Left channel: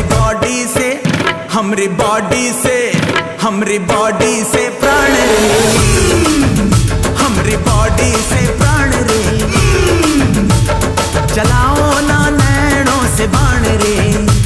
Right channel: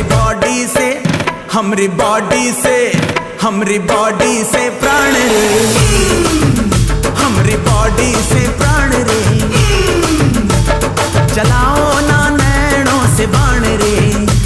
हमरी बॉडी से, हमरी बॉडी से, हमरी बॉडी से प्राण रे, हमरी बॉडी से प्राण रे, चलाओ ना नैनों से बाण रे।